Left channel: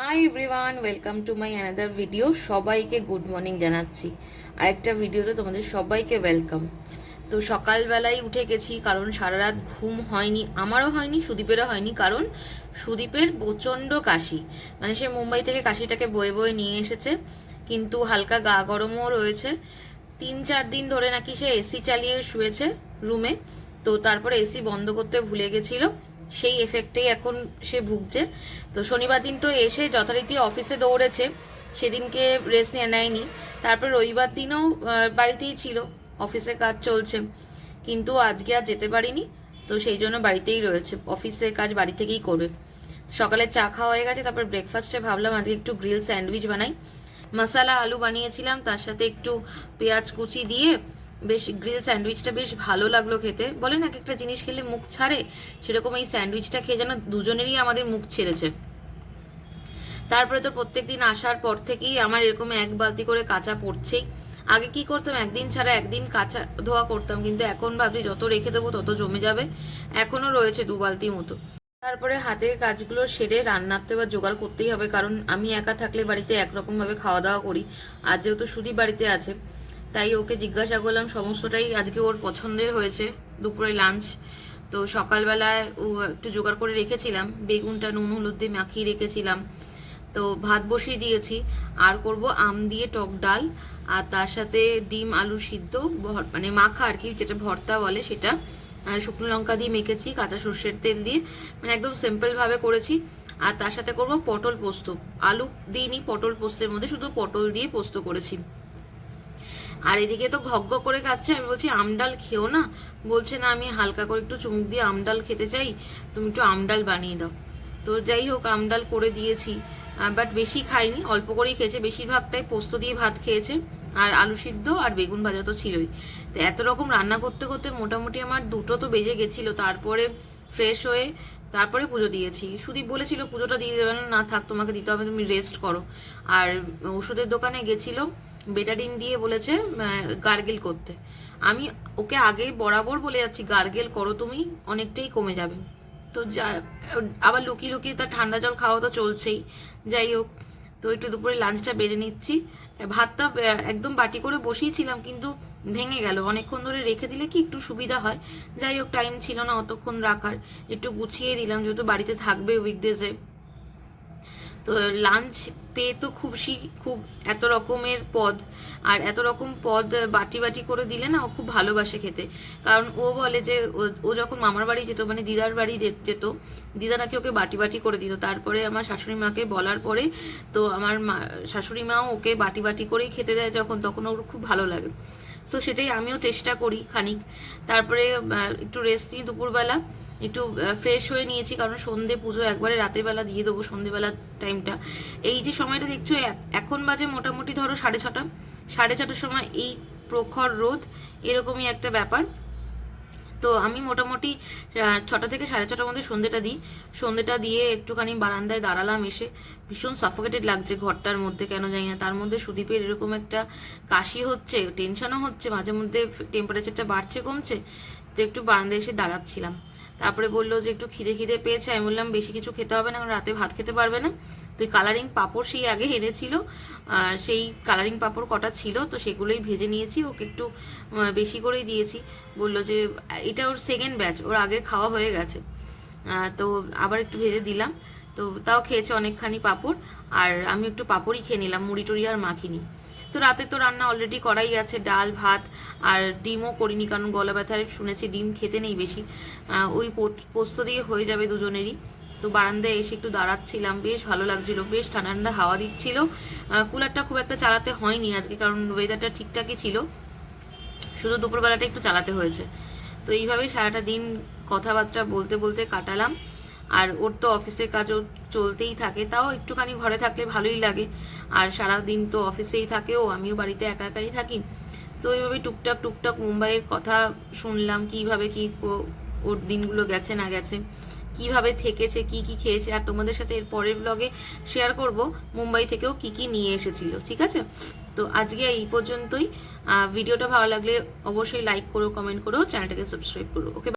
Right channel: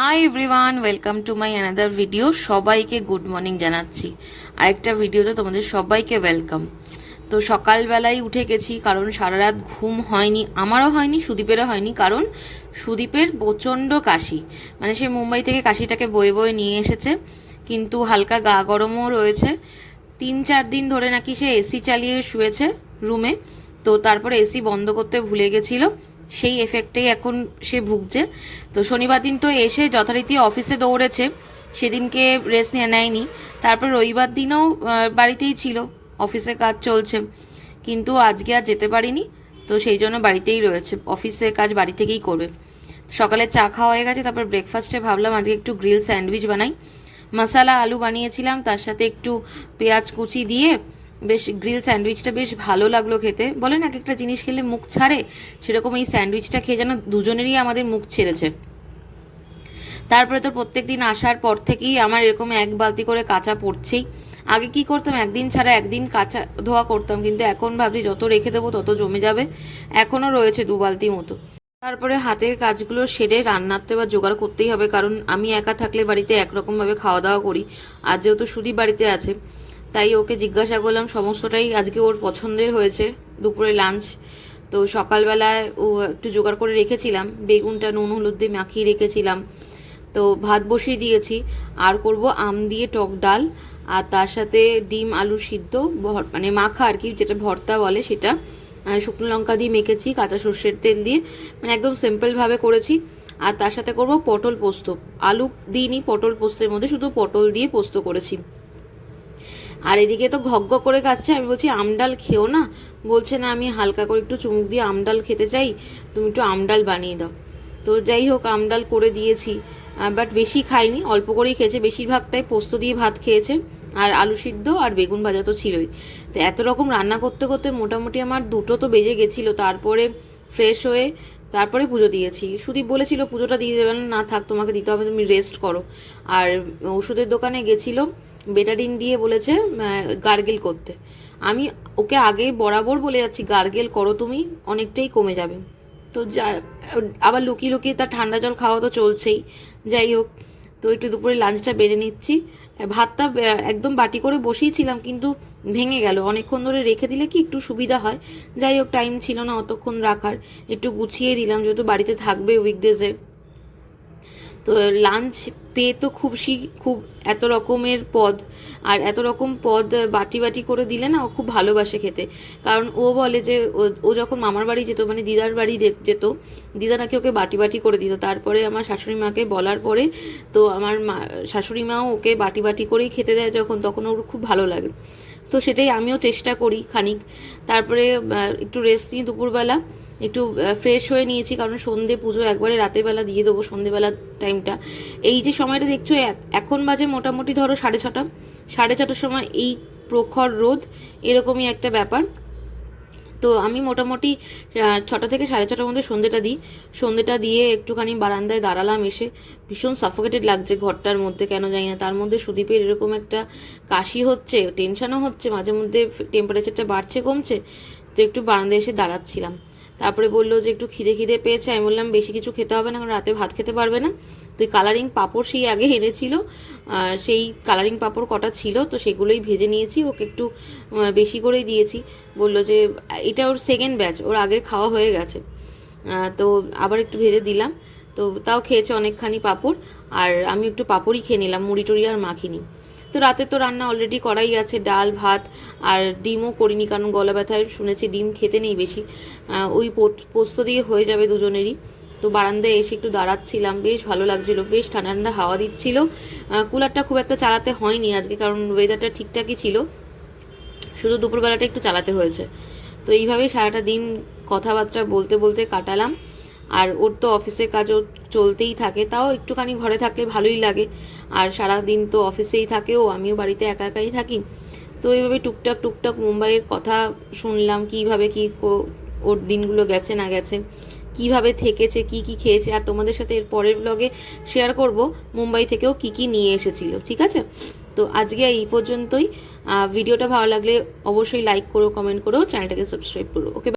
Hi everyone, welcome to my another video. সবাইকে good morning জানাচ্ছি। আরেকটা ভিডিওতে তোমাদের সবাইকে ওয়েলকাম। তো সকালবেলায় উঠে গেছি, কারণ সারা রাত ঘুম হয়নি, আমারও হয়নি, সুদীপেরও হয়নি। কারণ সুদীপের প্রচণ্ড কাশি, মানে সে মুম্বাই থেকে কাশিটাকে বয়ে বয়ে নিয়ে এসেছে, কিন্তু হালকা গা গরমও রয়েছে। 3-4 দিন ধরে নাকি সে এসি চালিয়ে শুয়েছে রুমে, তো তারপরে এসি বন্ধ করতে ভুলে গেছিল, সেই এফেক্টেই এখন সে ভুগছে। তো শনিবার দিন তো এসে যথারীতি অফিসে দৌড়েছে, সেদিনকে রেস্ট নেয়নি। তারপর রবিবার দিনও বাড়িতেই ছিল, অফিসে কাজ চলছে, কিন্তু আজকে আর যেতে পারিনি। তো সেই জন্য বাড়িতেই রয়েছে, অফিসে কাজ বাড়ি থেকেই করবে। সকালে চা খাওয়া হয়ে গেছে, তারপর ব্রেকফাস্টে ভাবলাম আজকে একটু গ্রিল স্যান্ডউইচ বানাই। মশালা আলু বানিয়েছিলাম, তার সাথে একটু পেঁয়াজ কুচি দিয়ে বেশ গ্রিল স্যান্ডউইচটা বেশ ভালো লাগলো খেতে। বলেন এক একটা জিনিস খেলে মুখ ছাড়ে, সেরকম এই স্যান্ডউইচটা খেয়ে যেন দুজনেরই আমাদের মুখ ছেড়েছে। তারপরে তো প্রত্যেক দিন আসার পর থেকেই আমার এরকম এক বালতি করে কাঁচা পড়ছেই। আগে কি করতাম, একদিন ছাড়া একদিন কাঁচা ধোয়া করতাম, কিন্তু এখন ভাবছি যত রেখে দেবো তত জমে যাবে। এখনও রয়েছে 2 বালতি মতো। তারপরে হাতের কাজগুলো সেরে রান্নার তো এবার জোগাড় করতেই হবে, কারণ আমি একা থাকলে বাড়িতে একরকমভাবে খাওয়া দাওয়া করি। আর যেহেতু সুদীপ বাড়িতে আছে, তাই ওকে জিজ্ঞাসা করলাম, সমস্তটাই আজকে ওর পছন্দের হয়েছে দুপুরে লাঞ্চ। তো সকালবেলায় ও একটু জোগাড় করে রেখেছিলাম, বেগুনটা নুন হলুদ দিয়ে মাখিয়ে রেখেছিলাম। তো ভাত বসিয়ে দিয়েছি, আর করব আম দিয়ে টক ডাল, আর তার সাথে ডিম আলু সিদ্ধ, মানে মাখা আর কি, যেটা ভর্তা বলে সেটা। শুকনো লঙ্কা দিয়ে মেখেছি, কাঁচা সর্ষের তেল দিয়ে, মানে একদম সিম্পলভাবে করেছি। আর তার সাথে করব পটল পোস্ত, আলু দিইনি পটল পোস্তের মধ্যে, শুধু পটল দিয়ে পোস্ত করেছি। আর এদিকে তো ঘগ্গ করে কাচ্ছে, আমি বলছি আমডাল খেও না, বলছে না আমি হালকা করে একটু চুমুক দিয়ে আমডাল খেতে চাই, তুমি একটু আমডাল বানিয়ে দাও। তো যাই হোক, আমডাল করে দিয়েছি, বাট বেশি খাইনি, অল্প করেই খেয়েছে, বেশিরভাগটাই পোস্ত দিয়ে ভাত খেয়েছে। আর আলু সিদ্ধ আর বেগুন ভাজা তো ছিলই। তো এত রকম রান্না করতে করতে মোটামুটি আমার 2টো তো বেজে গেছিলো। তারপরে ফ্রেশ হয়ে তারপরে পুজো দিয়েছি। সুদীপ বলেছিল পুজোটা দিয়ে দেবে না, না থাক তোমাকে দিতে হবে, তুমি রেস্ট করো। আর ওষুধের দোকানে গেছিল, বেটাডিন দিয়ে বলেছে গার্গেল করতে। আমি ওকে আগেই বরাবর বলে যাচ্ছি গার্গেল করো তুমি, অনেকটাই কমে যাবে। তো যা, আবার লুকিয়ে লুকিয়ে তার ঠান্ডা জল খাওয়া তো চলছেই। যাই হোক, তো একটু দুপুরে লাঞ্চটা বেড়ে নিচ্ছি। ভাতটা একদম বাটি করে বসিয়েছিলাম, কিন্তু ভেঙে গেল। অনেকক্ষণ ধরে রেখে দিলে কি একটু সুবিধা হয়। যাই হোক, টাইম ছিল না অতক্ষণ রাখার, একটু গুছিয়ে দিলাম, যেহেতু বাড়িতে থাকবে উইকডেজে। তো লাঞ্চ পেয়ে তো খুব এত রকমের পদ, আর এত রকম পদ বাটি বাটি করে দিলে না ও খুব ভালোবাসে খেতে। কারণ ও বলে যে ও যখন মামার বাড়ি যেত, মানে দিদার বাড়ি যেত, দিদা নাকি ওকে বাটি বাটি করে দিত। তারপরে আমার শাশুড়ি মাকে বলার পরে তো আমার শাশুড়ি মাও ওকে বাটি বাটি করেই খেতে দেয় যখন, তখন ওর খুব ভালো লাগে। তো সেটাই আমিও চেষ্টা করি খানিক। তারপরে একটু রেস্ট নিয়ে দুপুরবেলা একটু ফ্রেশ হয়ে নিয়েছি, কারণ সন্ধে পুজো একবারে রাতের বেলা দিয়ে দেবো, সন্ধেবেলার টাইমটা। এই যে সময়টা দেখছো, এখন বাজে মোটামুটি ধরো 6:30, 6:30টার সময় এই প্রখর রোদ, এরকমই একটা ব্যাপার। তো আমি মোটামুটি 6টা থেকে 6:30টার মধ্যে সন্ধেটা দিই। সন্ধেটা দিয়ে একটুখানি বারান্দায় দাঁড়ালাম, এসে ভীষণ সাফোকেটেড লাগছে ঘরটার মধ্যে, কেন জানি না। তার মধ্যে সুদীপের এরকম একটা কাশি হচ্ছে, টেনশনও হচ্ছে, মাঝে মধ্যে টেম্পারেচারটা বাড়ছে কমছে। তো একটু বারান্দায় এসে দাঁড়াচ্ছিলাম। তারপরে বললো যে একটু খিদে খিদে পেয়েছে। আমি বললাম বেশি কিছু খেতে হবে না, কারণ রাতে ভাত খেতে পারবে না। তো কালারিং পাঁপড় সেই আগে এনেছিল, সেই কালারিং পাঁপড় কটা ছিল, তো সেগুলোই ভেজে নিয়েছি, ওকে একটু বেশি করেই দিয়েছি। বললো যে এটা ওর সেকেন্ড ব্যাচ, ওর আগের খাওয়া হয়ে গেছে। তো আবার একটু ভেজে দিলাম, তো তাও খেয়েছে অনেকখানি পাঁপড়। আর আমি একটু পাঁপড়ই খেয়ে নিলাম, মুড়ি টুড়ি আর মাখিনি। তো রাতে তো রান্না অলরেডি করাই আছে, ডাল ভাত, আর ডিমও করিনি, কারণ গলা ব্যথায় শুনেছি ডিম খেতে নেই বেশি। ওই পোস্ত দিয়ে হয়ে যাবে দুজনেরই। তো বারান্দায় এসে একটু দাঁড়াচ্ছিলাম, বেশ ভালো লাগছিল, বেশ ঠান্ডা ঠান্ডা হাওয়া দিচ্ছিল। কুলারটা খুব একটা চালাতে হয়নি আজকে, কারণ ওয়েদারটা ঠিকঠাকই ছিল, শুধু দুপুরবেলাটা একটু চালাতে হয়েছে। তো এইভাবেই সারাটা দিন কথাবার্তা বলতে বলতে কাটালাম। আর ওর তো অফিসের কাজও চলতেই থাকে, তাও একটুখানি ঘরে থাকলে ভালোই লাগে। আর সারা দিন তো অফিসেই থাকে ও, আমিও বাড়িতে একা একাই থাকি। তো এইভাবে টুকটাক টুকটাক মুম্বাইয়ের কথা শুনলাম, কীভাবে কী ওর দিনগুলো গেছে না গেছে, কিভাবে থেকেছে, কি কি খেয়েছে। আর তোমাদের সাথে এর পরের ব্লগে শেয়ার করব মুম্বাই থেকেও কি কি নিয়ে এসেছিল, ঠিক আছে? তো আজকে এই পর্যন্তই। ভিডিওটা ভালো লাগলে অবশ্যই লাইক করো, কমেন্ট করো, চ্যানেলটাকে সাবস্ক্রাইব করো। ওকে।